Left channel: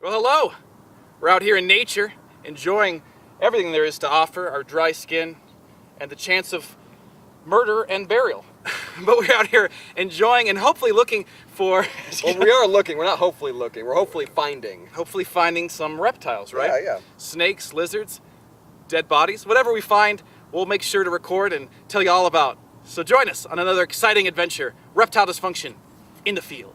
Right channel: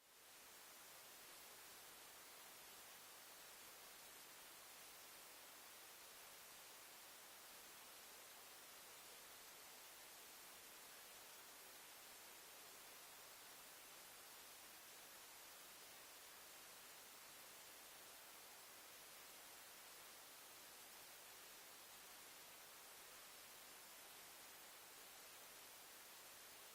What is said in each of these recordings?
Well, hello. We're out here in nature, enjoying everything there is to offer, our dry skin, and the chance of murder and burial. But we're out here enjoying and hopefully looking for... Well, we are looking. We're not hopefully looking. We're hopefully finding. Hopefully finding some reptiles, right? Yeah. Snakes, lizards, dead bodies. Whatever we find, we'll make sure to record and tell you all about. So join us on another exciting adventure, Reptile Dysfunction in the field.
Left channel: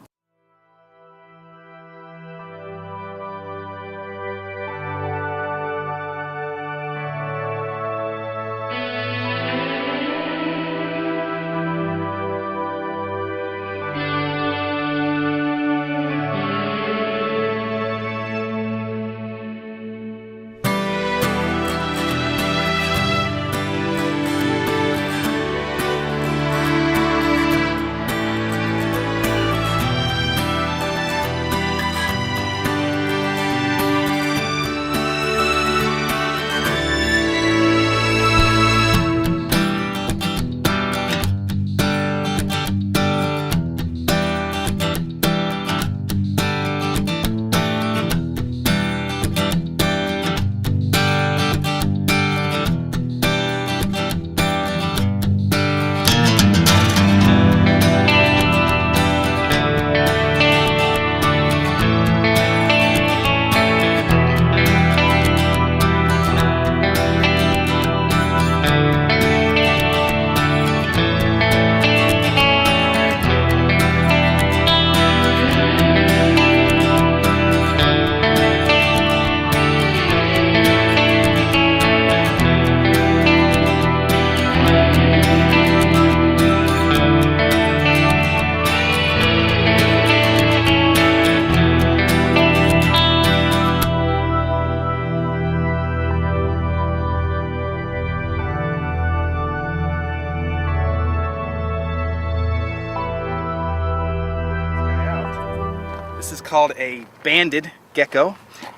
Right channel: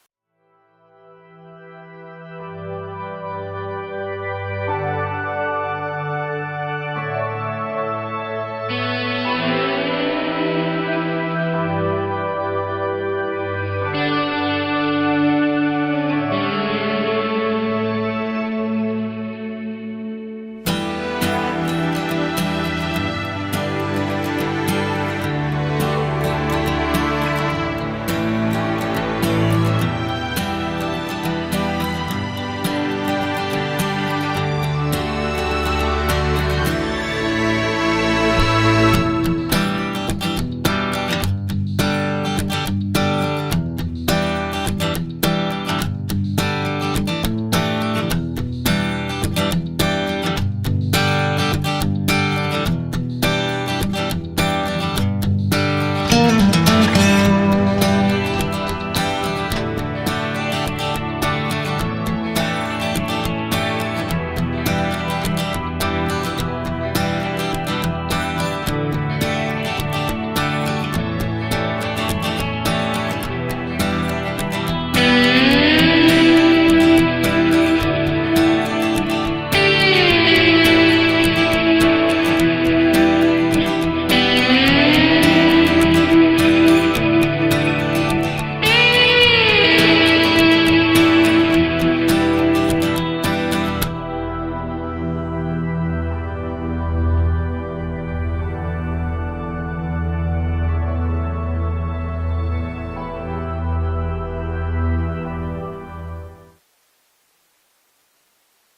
This is called a banded gecko.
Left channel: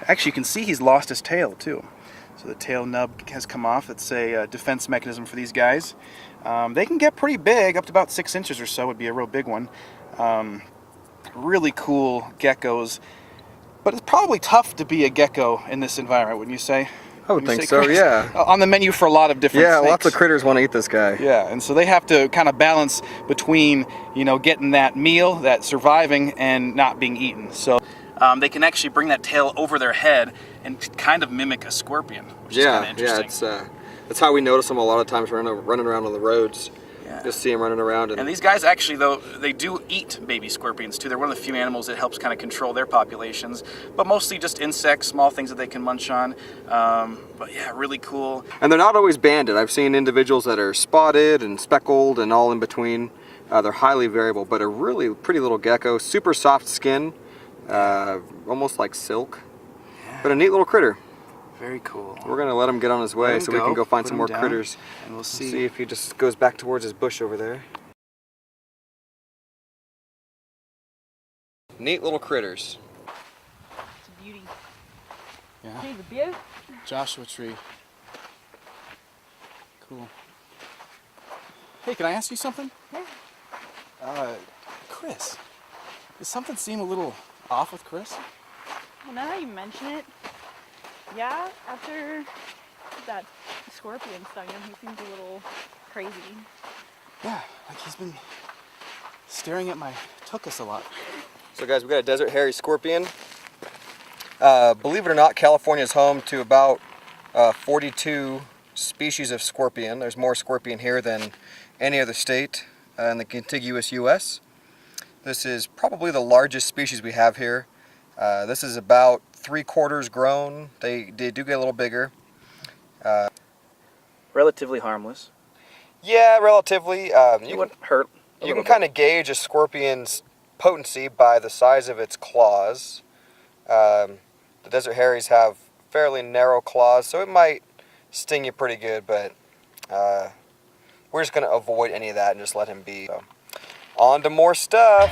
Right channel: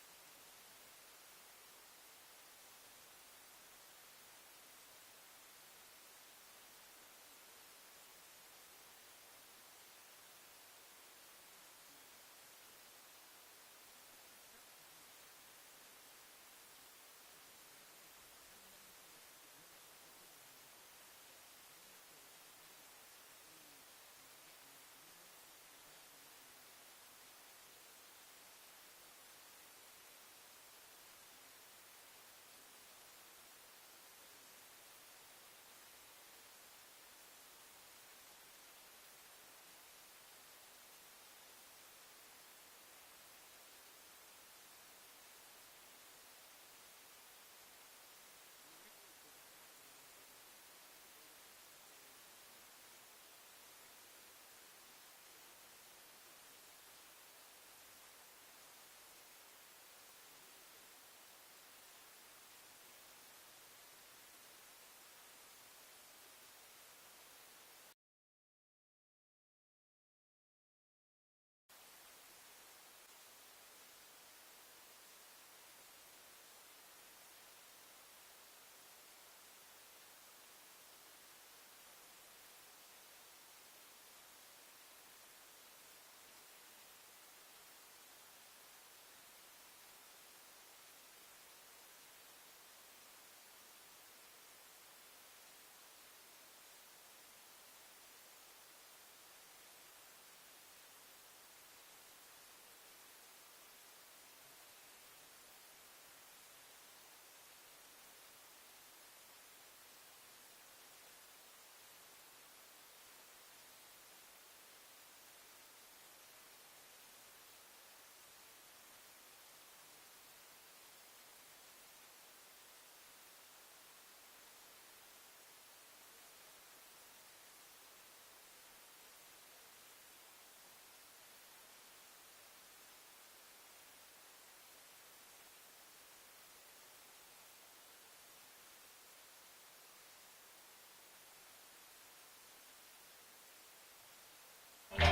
Actually, you can see he's lost his tail too. So the tail nub has come off. It's a defense mechanism for these guys. They can get pretty big, up to about 6 inches or so would be a real big one. Really cool geckos. But it's probably tough to be a gecko in this environment, wouldn't you say? I would think so, Chris? yeah. On the menu for a lot of different snakes. Lots of critters want to eat this guy. Yeah, and so they have to kind of balance between, you know, getting that meal, that surviving, and not being eaten. So they can actually bring that tail over their head and kind of mimic a scorpion, which is kind of interesting. That's how we notice them a lot of times running around on the roads. Yeah. Just see them running around. And these guys actually, though, they do eat baby scorpions too. They're one of the few animals that helps kind of control their populations, but mostly just insects, small things that they can munch on. But yeah, really cool. And they're not always banded. I've seen individuals that are spotted and speckled and all in between. They're highly variable, but a really pretty little gecko, super soft skin, almost like silk, but a neat little critter. Very cool. We're going to let him get on his way so we can go find some more critters. And we'll see if he just goes back towards his bush over there. Neat little critters. It's a beauty. Yeah. Hey, the beaut. Joshua tree. Cool. Hey, can I ask you something? Yeah. Chris, does something seem a little off with Chris? Well, now that you mention it, yeah, after that scorpion stung him, he seems a little crazy. Yeah, like he's been staring at my tuchus a lot. So guys, we got a desert hairy scorpion. Believe it or not, California is home to about 42 species of scorpion. There's more scorpion here than any other state in the contiguous U.S. This is probably the largest species we have here. This is about 3/4 grown. They do get a little bigger. Relatively harmless. Yeah, relatively. You wouldn't hurt. You can kind of gauge a scorpion's potency by the size of its claws. The desert hairies have fairly narrow claws, so it might sting you pretty good, but we're just going to avoid any of that and just let him be. So, on to more stuff.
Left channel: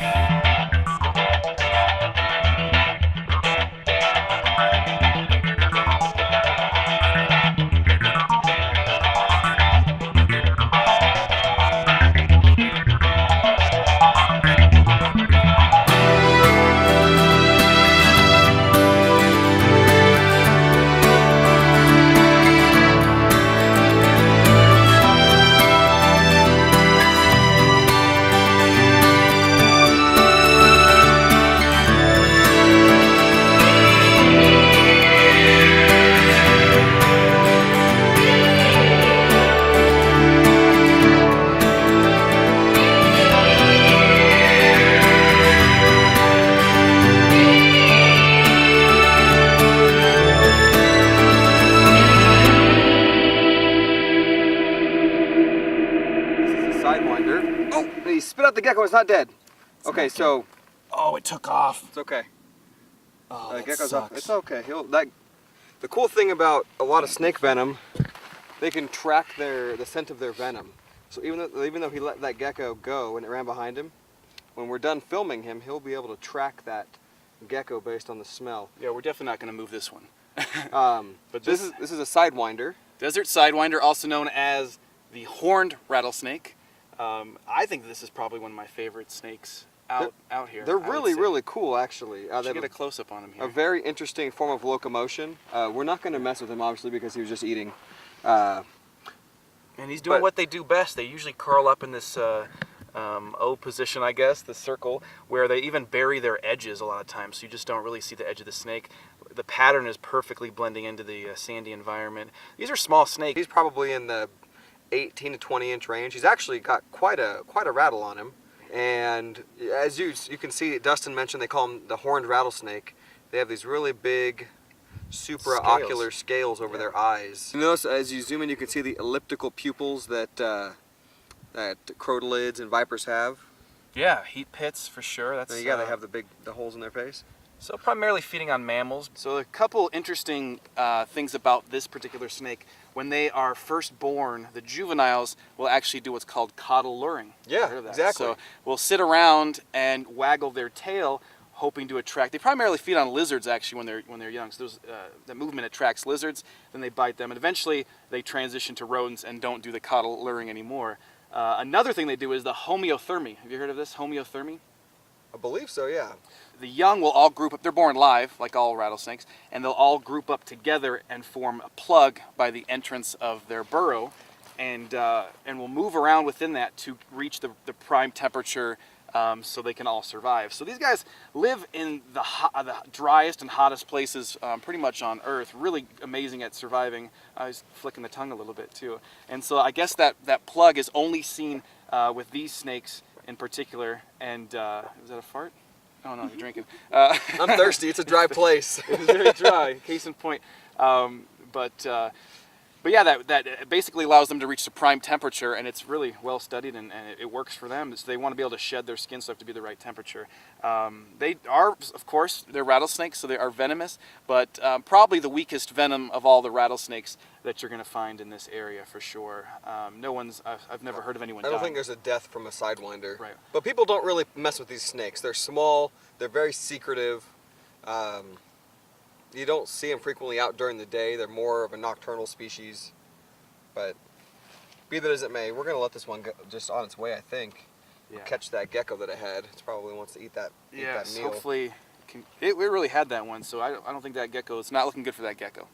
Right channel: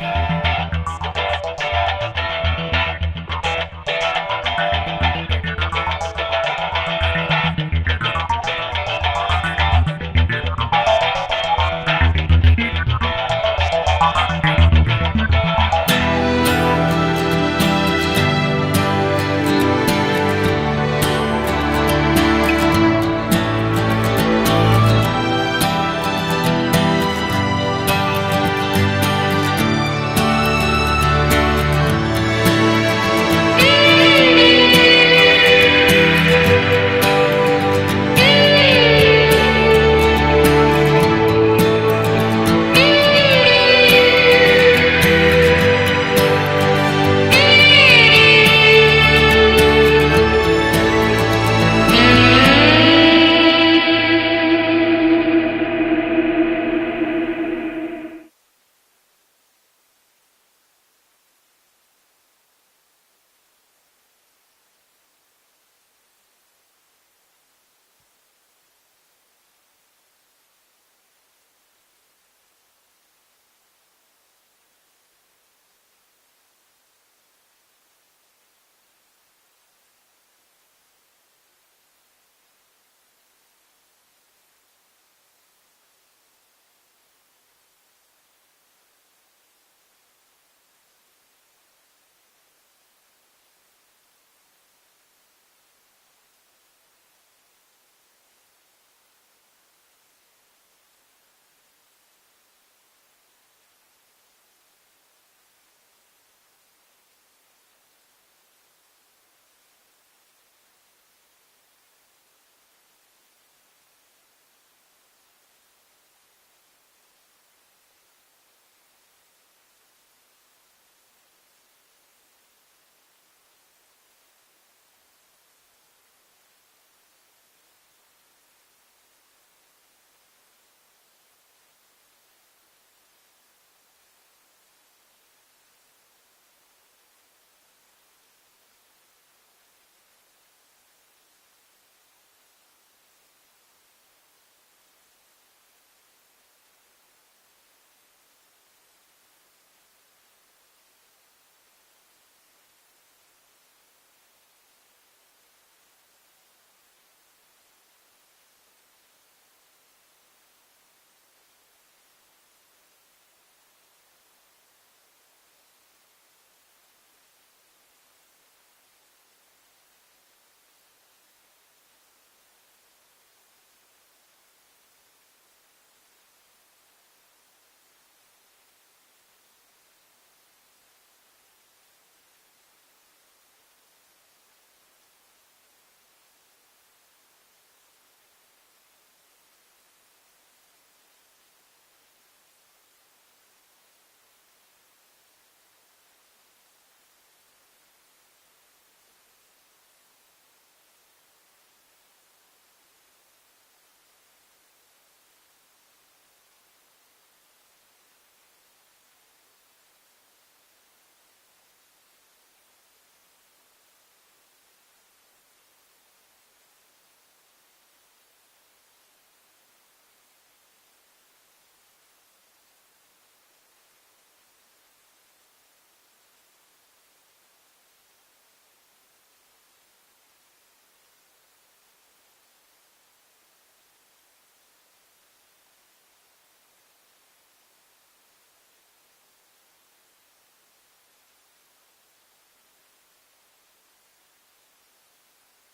not dead. Okay, not so Oh, it took off. it's okay. Oh, that Gecko's sucks. off. It's okay. The cool thing about a lot of snake venom, they can track the scent of their venom. So even though he let that gecko go and it ran behind him, when we're done filming him, he'll be able to track that gecko based on the smell. Yeah, we're definitely not going to move this one. But this is a sidewinder. Desert sidewinder, also known as the horned rattlesnake. I think this is probably one of my favorite snakes out here. They're I would really, say. really cool, actually. They Should have get a close up on him here. a very interesting form of locomotion. We're not going to mess with him, obviously, because he was just eating. And he's doing but- what they do best. They usually curl up in this O position, I guess, the circle, where they even bury their edges a lot of times, so you just don't really see the edge of the snake. The pattern is perfectly blending into the sandy environment. These are small snakes. He's probably in the 18 to 20 inch range. He's actually got quite a rattle on him. And as you can see, Dustin mentioned they call him the horned rattlesnake. They have these really big supraocular scales over their eyes. You notice as you zoom in, you can see the elliptical pupils that crotalids and vipers have. Yeah, heat pits for sure. That's They have the holes in their face. So primarily feeding on mammals. So a couple interesting things about this particular snake. When they are first born, the juveniles will actually do what's called caudal luring. Yeah, Heard of that? exactly. So we'll sit around and waggle their tail, hoping to attract. They primarily feed on lizards actually when they're young. So the movement attracts lizards, then they bite them, and eventually they transition to rodents and don't do the caudal luring anymore. Another thing they do is the homeothermy. Have you heard of this, homeothermy? I believe so, yeah. The young will all group up. They're born live, like all rattlesnakes, and they'll all group up together and form a plug by the entrance of their burrow, and will move around within that to reach the prime temperature, so they can all survive. So these guys live in the driest and hottest places pretty much on Earth. Really amazing at surviving. I was flicking the tongue a little bit too. And so I guess that plug is only seen with these snakes in particular. And is that a fart? Oh no, you're drinking. I'm thirsty. It's a dry place. It's very dry, case in point. But yeah, that basically allows them to reach the prime temperature, and it's really well studied, and it works for them. So they want to be able to shed their skin, so they have to be the right temperature. They are, of course, they're rattlesnakes, so they are venomous, but probably the weakest venom of all the rattlesnakes that you're going to find in this area for sure. I've never heard of anyone I don't dying. think there's a death from a sidewinder. Right. But people don't really mess with these snakes. They're small. They're very secretive. You don't see them frequently out during the day. They're more of a nocturnal species. But be that as it may, we're going to let this one go just on its way, I think. Yeah. Catch that gecko that it had. It probably wants to eat that Yes, meal. hopefully. It really had that one, so I don't think that gecko, it's not looking good for that gecko.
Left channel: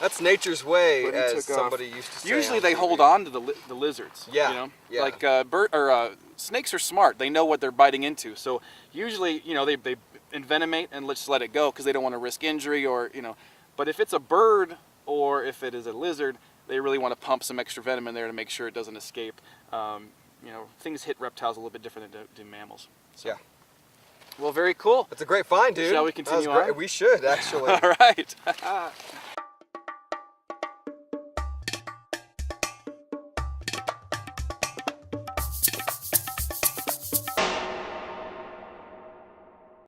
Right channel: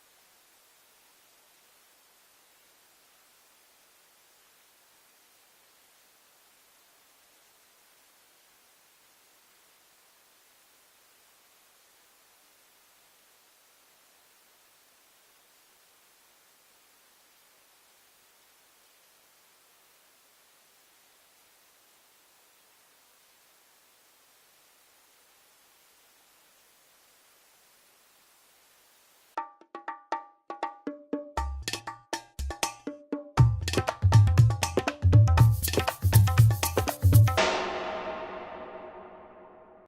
That's nature's way, But he as took off. somebody used to say. Usually on they TV. hold on to the lizards. Yeah, You know? yeah. Like snakes are smart. They know what they're biting into. So usually, they envenomate and just let it go because they don't want to risk injury or. But if it's a bird or if it is a lizard, they really want to pump some extra venom in there to make sure it doesn't escape. Things hit reptiles a little bit different than do mammals. So. Yeah. Well, very cool. That's a great find, dude. Shall we That was continue great. on? We should, actually. All right.